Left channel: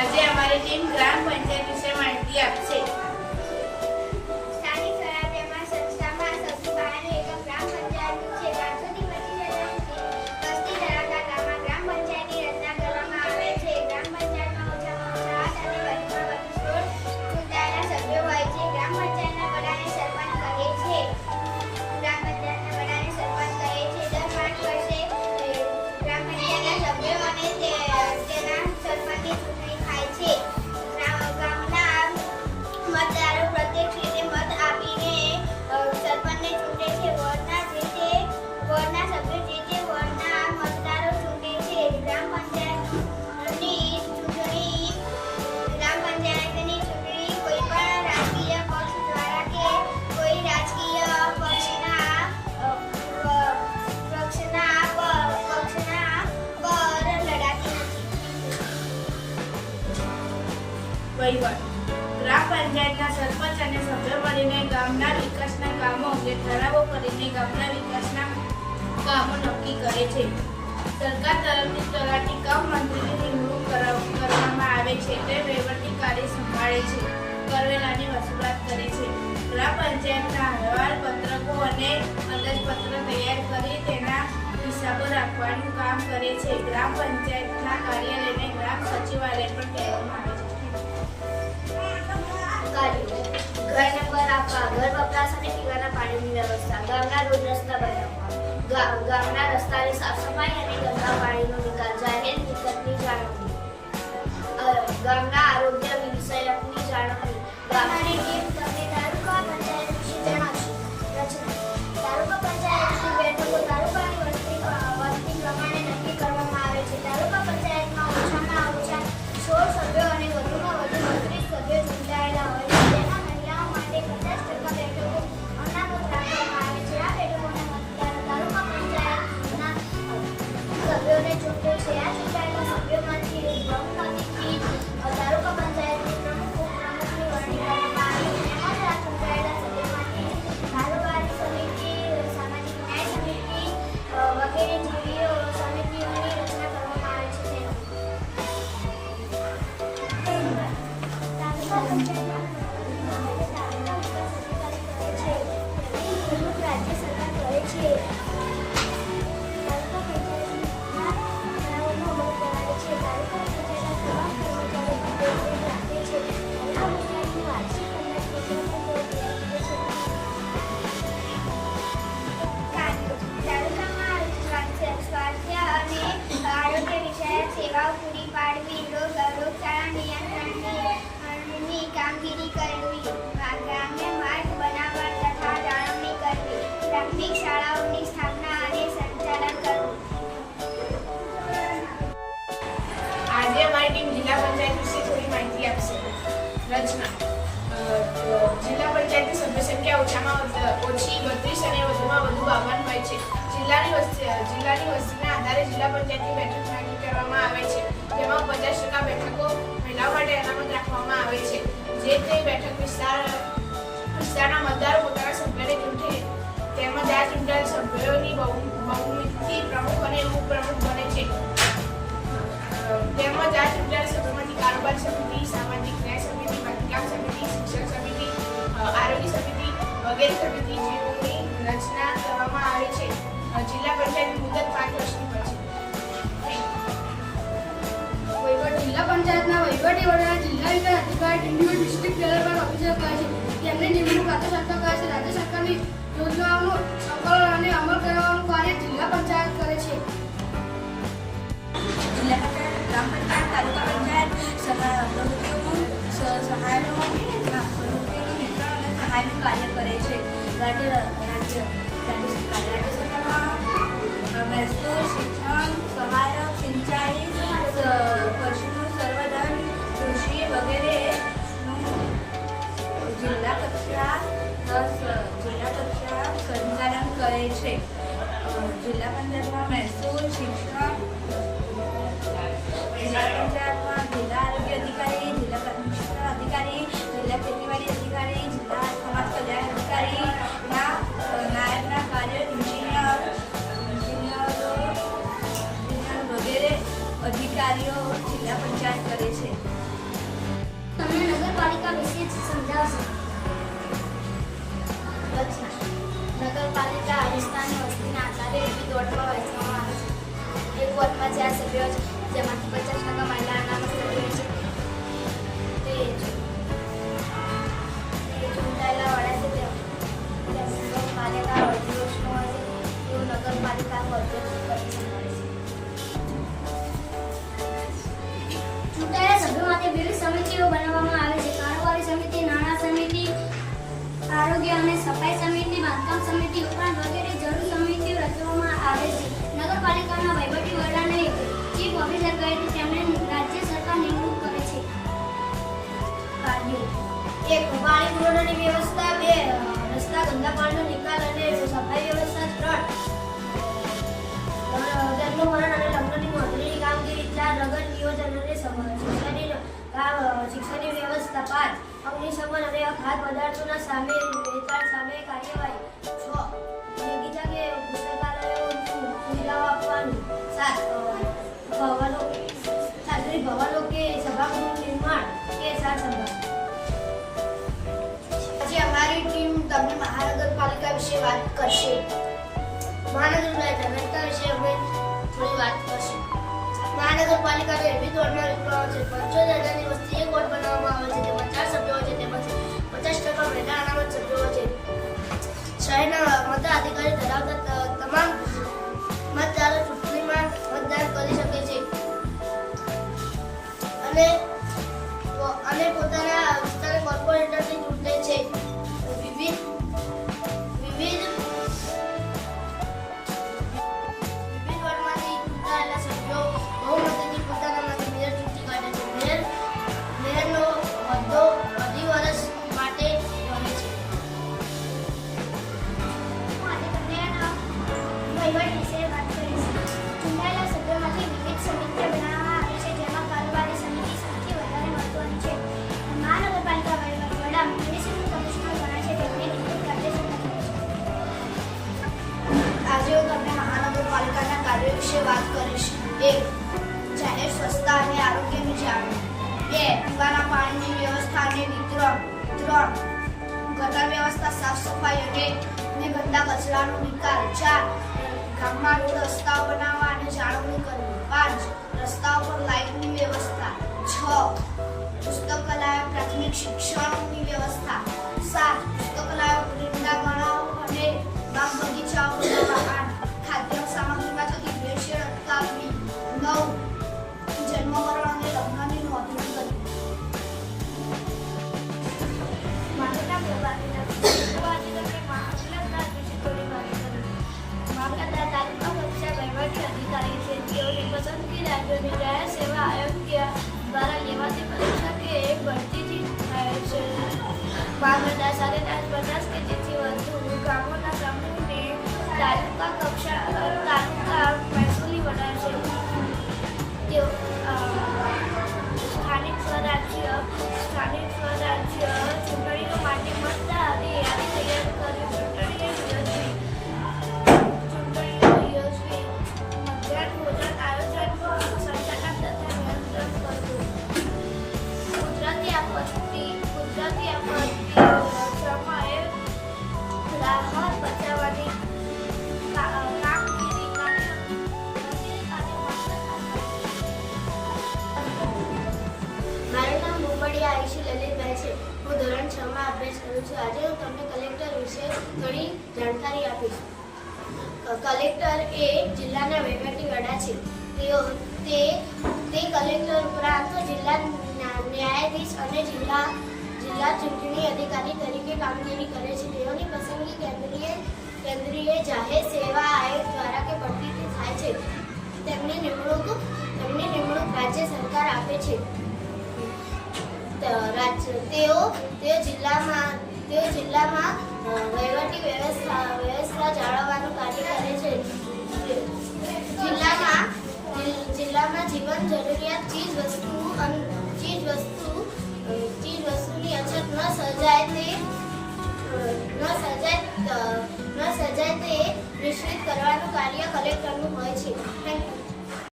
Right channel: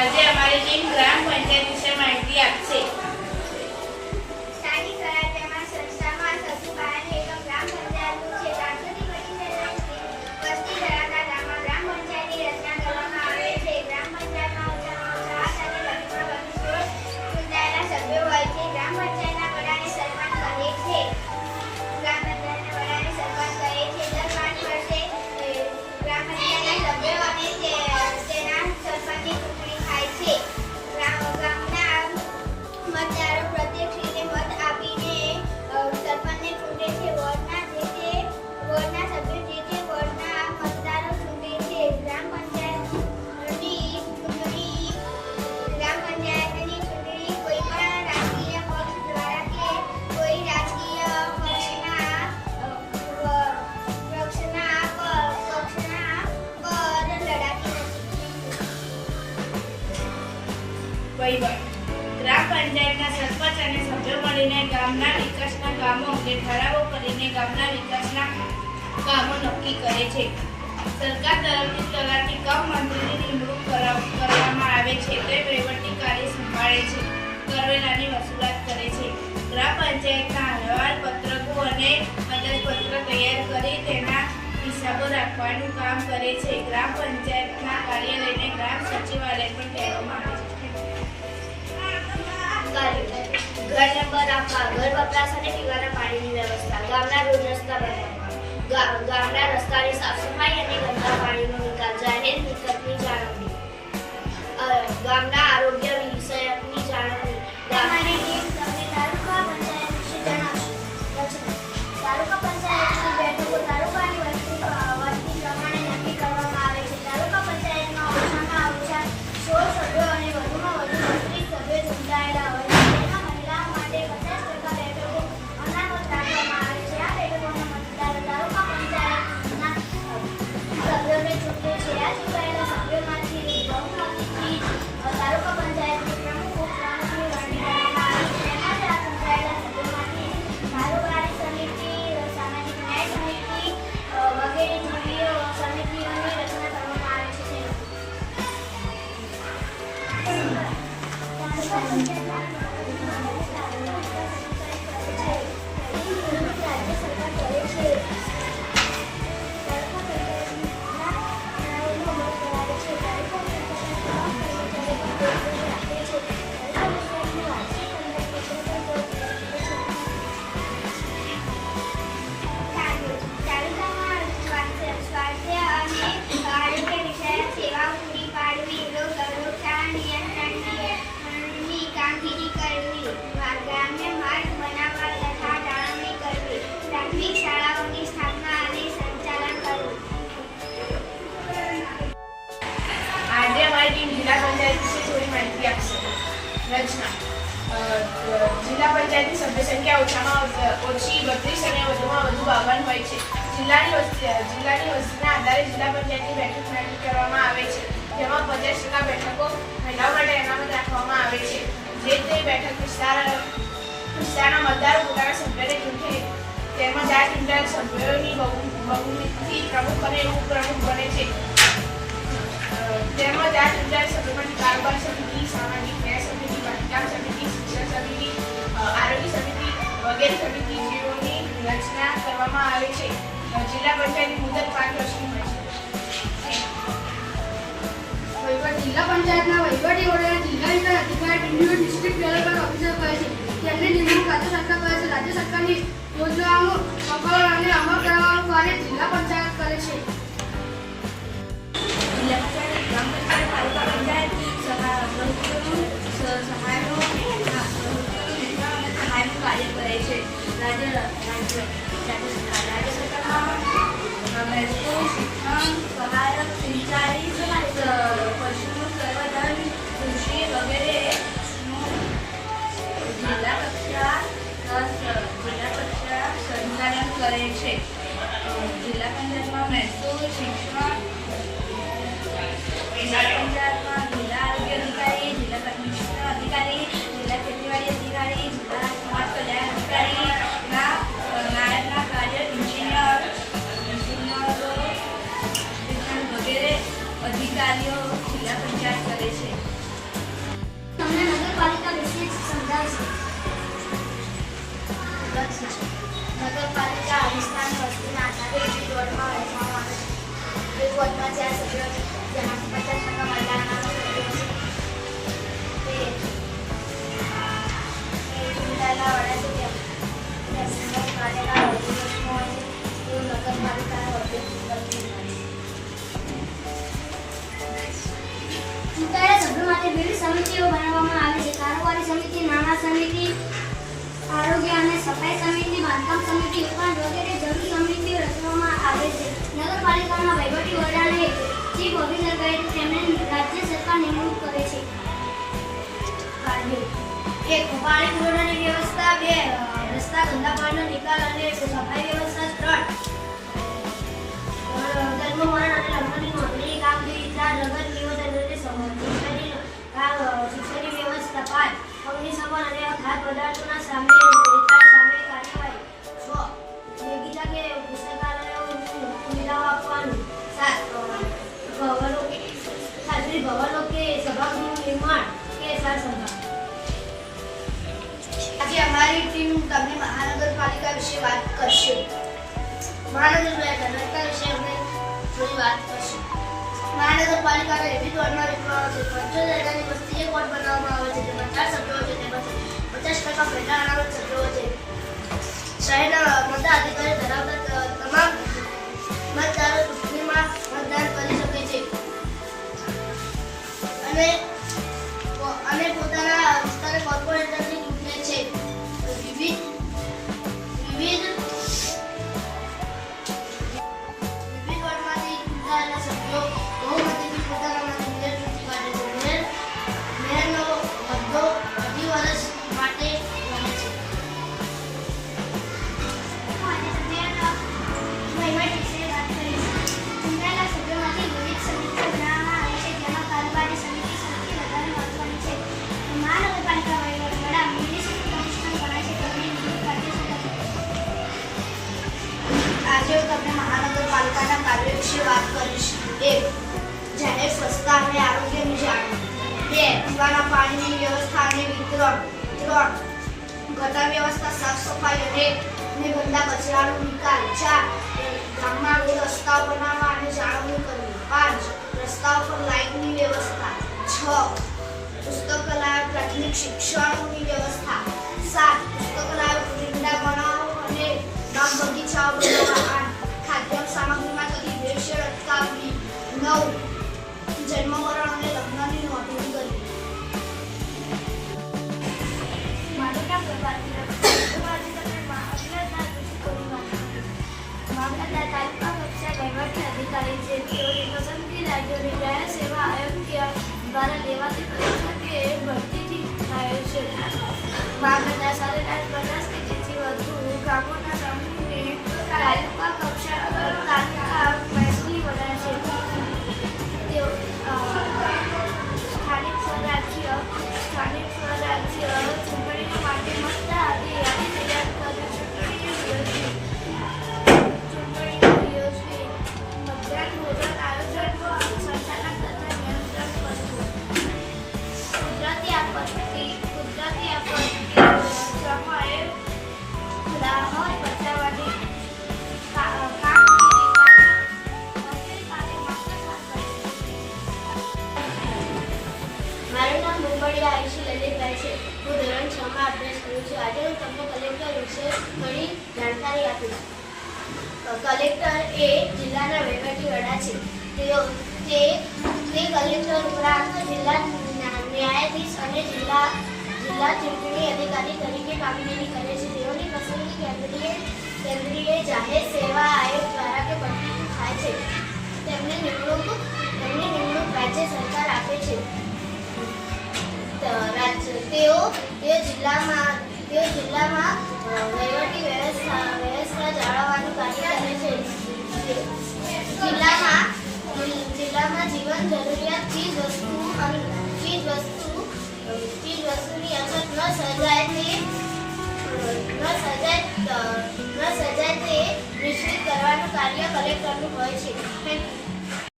આજે અમારી ટીમ ગ્રામ વહીવટ ગ્રામ પંચાયતના સરપંચ અને સભ્યો મળીને ગામના વિકાસના કામો અંગે ઠરાવો કરીને ગામના વિકાસના કામો નક્કી કરે છે. સરકાર તરફથી તલાટી કમ મંત્રીની નિમણૂક કરવામાં આવે છે તે વહીવટી કાર્ય સંભાળે છે. કરવેરાની વસૂલાત કરે છે. ગ્રામ પંચાયતના અહેવાલ, પત્રકો અને અંદાજપત્ર તૈયાર કરી તેના હિસાબો રાખવાનું કામ કરે છે. ગ્રામ પંચાયતના કાર્યાલયને ગ્રામ સચિવાલય પણ કહેવામાં આવે છે. ઘર વપરાશ અને પીવાના પાણીની વ્યવસ્થા, ગામના રોડ રસ્તા બનાવવા ગામના રસ્તાની સાફ સફાઈ અને ગંદા પાણીનો નિકાલ, જાહેર મિલકતની જાળવણી. ગામના આરોગ્ય વિષયકની જાળવણી. ગામની તાલુકા બાવન હોય છે. જિલ્લાની વસ્તી જિલ્લાની વસ્તીના આધારે જિલ્લા પંચાયતની બેઠક નક્કી કરવામાં આવે છે. જેમાં પચાસ ટકા બેઠકો મહિલાઓ માટે અનામત રાખવામાં આવે છે. જે તે બેઠક વિસ્તાર, વિસ્તારના મતદારો પોતાના સભ્યને ચૂંટે તેમાં આ ચૂંટાયેલ સભ્યોની બહુ, બહુમતી પ્રમુખ અને ઉપપ્રમુખ બને છે. તેમજ આ ચૂંટાયેલ સભ્યોમાંથી કારોબાર સમિતિ, સામાજિક ન્યાય સમિતિ બાંધકામ સમિતિ, શિક્ષણ સમિતિ આરોગ્ય સમિતિ વગેરે સમિતિ જેઓની રચના કરવામાં આવે છે. જિલ્લા પંચાયતની મુદત પાંચ વર્ષની હોય છે. વહીવટ જિલ્લા પંચાયતના વહીવટી વડા જિલ્લા વિકાસ અધિકારી ડિન્ડ્યુ ડિસ્ટ્રિક્ટ ડેવલપમેન્ટ ઓફિસર કહે છે તેમની નિમણૂક રાજ્ય સરકાર કરે છે. રાજ્ય સરકારની યોજનાઓનું સંકલન અને અમલ કરવાનું કાર્ય જિલ્લા પંચાયત કરે છે. જિલ્લા પંચાયત ગ્રામ પંચાયત તાલુકા પંચાયત સહાયનું સહાયનું કાર્ય કરે છે. રાજ્ય રાજ્ય રાજ્ય સરકાર રાજ્ય સરકારમાં શિક્ષણ સહાયક પશુનું સંવર્ધન કૃષિ વગેરેનું જિલ્લા કક્ષા જિલ્લા કક્ષા સંચાલન કરે છે જિલ્લા પંચાયતમાં મહેસૂલ શિક્ષણ કાર્યો જિલ્લા પંચાયત કરે છે. તમને નગરપાલિકા વિશે સમજાવશો? વિસ્તારની વસ્તીના આધારે એક વોર્ડમાં વહેંચવામાં આવે છે. એક વોર્ડમાં ચાર સભ્યો છે જેમાંથી પચાસ ટકા મહિલાઓના સભ્યો છે તે અગ્નિશમન પદાર્થોના સામે સામે કાર્યવાહી. બગીચા કે કે સભાગૃહનું નિર્માણ કે આજે અમારી ટીમ મહાનગરપાલિકા વિશે વાત કરશે. મહાનગરપાલિકા વિશે અમે વાત કરશું. મહાનગરપાલિકાનો એવી વિભાગ છે પંચોતેર વસ્તી એક વોર્ડ બનાવવામાં આવે છે. அதுக்கு વિવિધ સમિતિઓ બનાવવામાં આવે છે સૌથી વધારે મહત્વની છે. મહાનગરપાલિકા વહીવટ છે, તેમની નિમણૂક તમને મહાનગરપાલિકાના કાર્ય વિશે વાત કરીશ. એક જાહેર સ્વચ્છતા અને આરોગ્યની જાળવણી બે, પીવાના પાણીની વ્યવસ્થા અને વિતરણ. ત્રણ, ગટર વ્યવસ્થા, સાફ સફાઈ રેટ અને ગંદા કચરાનો નિકાલ. ચાર ગામમાં રોડ રસ્તાઓ બનાવવા અને જાળવણી કરવી. પાંચ રસ્તાઓ પર લાઇટની વ્યવસ્થા. છ, પુસ્તકાલય, પ્રાથમિક શિક્ષણની વ્યવસ્થા. સાત મુંબડી આયુષી લલિતભાઈ છે. હું ધોરણ છ માં અભ્યાસ કરું છું. આજે હું તમને કલેક્ટર વિશે ઘણી જાણકારી આપીશ. કલેક્ટર એ જિલ્લાના વહીવટી વડા છે. તેઓ, તે તે કલેક્ટર ઉપરાંત જિલ્લા ન્યાયાધીશ અને જિલ્લા જિલ્લા ચૂંટણી અધિકારી તરીકે કામગીરી કરે છે. તેઓની પસંદગી કેન્દ્રીય કેન્દ્રીય જાહેર સેવા આયોગ દ્વારા કે ભરતી થાય છે. તેમને નિમણૂક, તેમની નિમણૂક રાજ્ય સરકાર આપે છે. રાજ્ય. તેઓ તે જિલ્લામાં તે જિલ્લામાં વહીવટી વ્યવસ્થા વ્યવસ્થા જાળવવાનું કાર્ય